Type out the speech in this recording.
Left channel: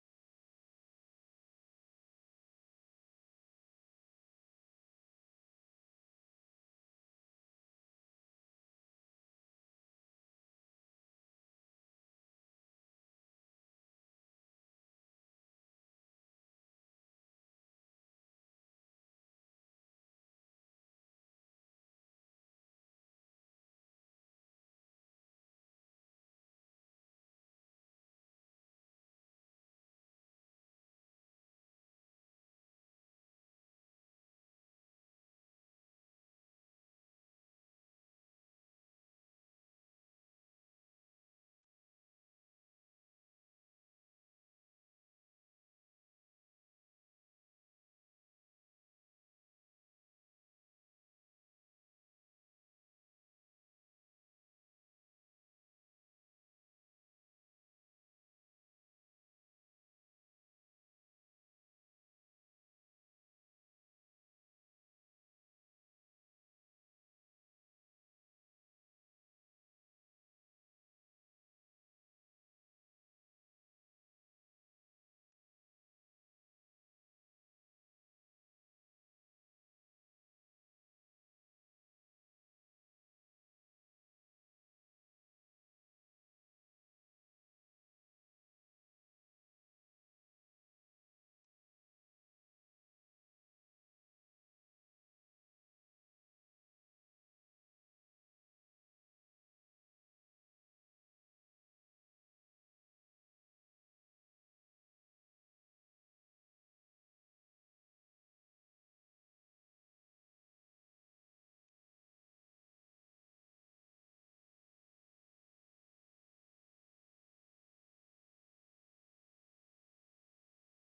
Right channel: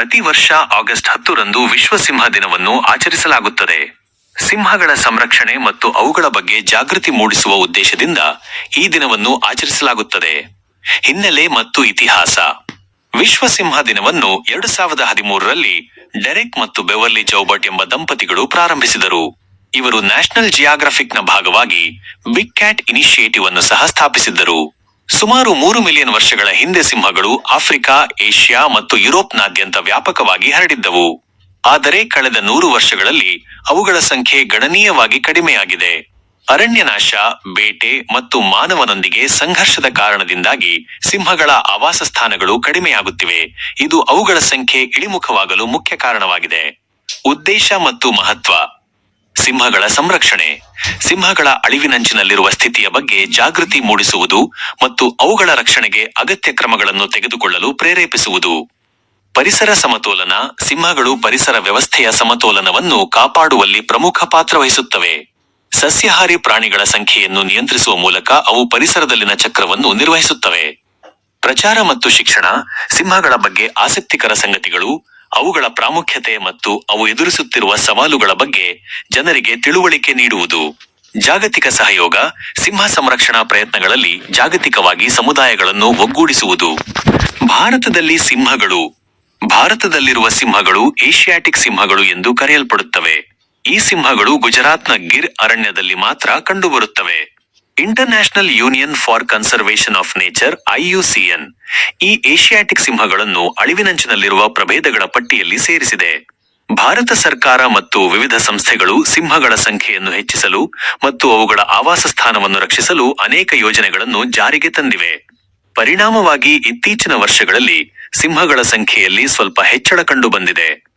ಪ್ರತಿ ವರ್ಷ ಆಗಸ್ಟ್ ಹತ್ತರಂದು ವಿಶ್ವ ಸಿಂಹ ದಿನವನ್ನು ಆಚರಿಸಲಾಗುತ್ತದೆ. ಸಿಂಹಗಳ ಸಂರಕ್ಷಣೆ ಮತ್ತು ಅವುಗಳ ಬಗ್ಗೆ ಜಾಗೃತಿ ಮೂಡಿಸುವ ಉದ್ದೇಶದಿಂದ ಈ ದಿನವನ್ನು ಆಚರಿಸಲಾಗುತ್ತದೆ. ಹಿನ್ನೆಲೆ ಮತ್ತು ಇತಿಹಾಸ. ವಿಶ್ವ ಸಿಂಹ ದಿನವನ್ನು ಎರಡು ಸಾವಿರದ ಹದಿಮೂರರಲ್ಲಿ ಡೆರೆಕ್ ಮತ್ತು ಬೆವರ್ಲಿ ಚೌಬಟ್ ಎಂಬ ದಂಪತಿಗಳು ಪ್ರಾರಂಭಿಸಿದರು. ಇವರು ನ್ಯಾಷನಲ್ ಜಿಯಾಗ್ರಫಿಕ್ನ ಭಾಗವಾಗಿ ಬಿಗ್ ಕ್ಯಾಟ್ ಇನಿಷಿಯೇಟಿವ್ ಅನ್ನು ಸಹ ಸ್ಥಾಪಿಸಿದ್ದರು. ಸುಮಾರು ಮೂರು ಮಿಲಿಯನ್ ವರ್ಷಗಳ ಹಿಂದೆ ಸಿಂಹಗಳು ಆಫ್ರಿಕಾ, ಏಷ್ಯಾ ಮತ್ತು ಯುರೋಪ್ನಾದ್ಯಂತ ವ್ಯಾಪಕವಾಗಿ ಹರಡಿದ್ದವು. ಆದರೆ ಕಳೆದ ನೂರು ವರ್ಷಗಳಲ್ಲಿ ಅವುಗಳ ಸಂಖ್ಯೆ ಗಣನೀಯವಾಗಿ ಕಡಿಮೆಯಾಗಿದೆ. ಅರಣ್ಯನಾಶ, ಬೇಟೆ ಮತ್ತು ಮಾನವನೊಂದಿಗೆ ಸಂಘರ್ಷದ ಕಾರಣದಿಂದಾಗಿ ಸಿಂಹಗಳ ಆವಾಸ ಸ್ಥಾನಗಳು ಕಡಿಮೆಯಾಗುತ್ತಿವೆ. ಇದು ಅವುಗಳ ಸಂಖ್ಯೆ ಇಳಿಮುಖವಾಗಲು ಮುಖ್ಯ ಕಾರಣವಾಗಿದೆ. ಉದ್ದೇಶ ಮತ್ತು ಮಹತ್ವ. ಸಿಂಹಗಳ ಸಂರಕ್ಷಣೆ. ಸಿಂಹಗಳ ಅಳಿವಿನಂಚಿನಲ್ಲಿರುವ ಸ್ಥಿತಿಯ ಬಗ್ಗೆ ಜಾಗೃತಿ ಮೂಡಿಸುವುದು ಮತ್ತು ಅವುಗಳ ರಕ್ಷಣೆಗೆ ಅಗತ್ಯ ಕ್ರಮಗಳನ್ನು ತೆಗೆದುಕೊಳ್ಳಲು ಪ್ರೇರೇಪಿಸುವುದು. ಪರಿಸರ ಸಮತೋಲನ, ಸಿಂಹಗಳು ಪರಿಸರ ವ್ಯವಸ್ಥೆಯ ಸಮತೋಲನವನ್ನು ಕಾಪಾಡುವಲ್ಲಿ ಪ್ರಮುಖ ಪಾತ್ರ ವಹಿಸುತ್ತವೆ. ಸಸ್ಯಾಹಾರಿ ಪ್ರಾಣಿಗಳ ಸಂಖ್ಯೆಯನ್ನು ನಿಯಂತ್ರಿಸುವ ಮೂಲಕ ಅವು ಪರಿಸರದಲ್ಲಿನ ಚಕ್ರವನ್ನು ನಿರ್ವಹಿಸುತ್ತವೆ. ಪ್ರಚಾರ ಮತ್ತು ಶಿಕ್ಷಣ, ಸಿಂಹಗಳ ಬಗ್ಗೆ ಆಸಕ್ತಿಕರ ಸಂಗತಿಗಳು ಅವುಗಳ ಪ್ರಾಮುಖ್ಯತೆ ಮತ್ತು ಅವು ಎದುರಿಸುತ್ತಿರುವ ಸವಾಲುಗಳ ಬಗ್ಗೆ ಜನರಿಗೆ ತಿಳುವಳಿಕೆ ನೀಡುವುದು. ಜಾಗತಿಕ ಸಹಯೋಗ, ಸಿಂಹ ಸಂರಕ್ಷಣಾ ಪ್ರಯತ್ನಗಳಲ್ಲಿ ಜಾಗತಿಕವಾಗಿ ಸಮುದಾಯಗಳನ್ನು ಒಗ್ಗೂಡಿಸುವುದು. ಭಾರತದಲ್ಲಿ ಸಿಂಹಗಳು, ಭಾರತದಲ್ಲಿರುವ ಸಿಂಹಗಳು ಏಷ್ಯಾಟಿಕ್ ಸಿಂಹಗಳು ಎಂದು ಕರೆಯಲ್ಪಡುತ್ತವೆ. ಈ ಸಿಂಹಗಳು ಗುಜರಾತ್ನ ಗಿರ್ ಅರಣ್ಯದಲ್ಲಿ ಮಾತ್ರ ಕಂಡುಬರುತ್ತವೆ. International union for conservation of nature IUCN ಈ ಏಷಿಯಾಟಿಕ್ ಸಿಂಹಗಳನ್ನು ಅಳಿವಿನಂಚಿನಲ್ಲಿರುವ ಪ್ರಭೇದಗಳ ಪಟ್ಟಿಯಲ್ಲಿ ಸೇರಿಸಿದೆ. ಭಾರತ ಸರ್ಕಾರ ಮತ್ತು ವಿವಿಧ ಸಂಸ್ಥೆಗಳು ಸಿಂಹಗಳ ಸಂಖ್ಯೆಯನ್ನು ಹೆಚ್ಚಿಸಲು ಮತ್ತು ಅವುಗಳ ಆವಾಸ ಸ್ಥಾನವನ್ನು ರಕ್ಷಿಸಲು ಅನೇಕ ಯೋಜನೆಗಳನ್ನು ಜಾರಿಗೆ ತಂದಿವೆ. ಪರಿಣಾಮವಾಗಿ ಇತ್ತೀಚಿನ ವರ್ಷಗಳಲ್ಲಿ ಸಿಂಹಗಳ ಸಂಖ್ಯೆಯಲ್ಲಿ ಸ್ವಲ್ಪ ಹೆಚ್ಚಳ ಕಂಡುಬಂದಿದೆ.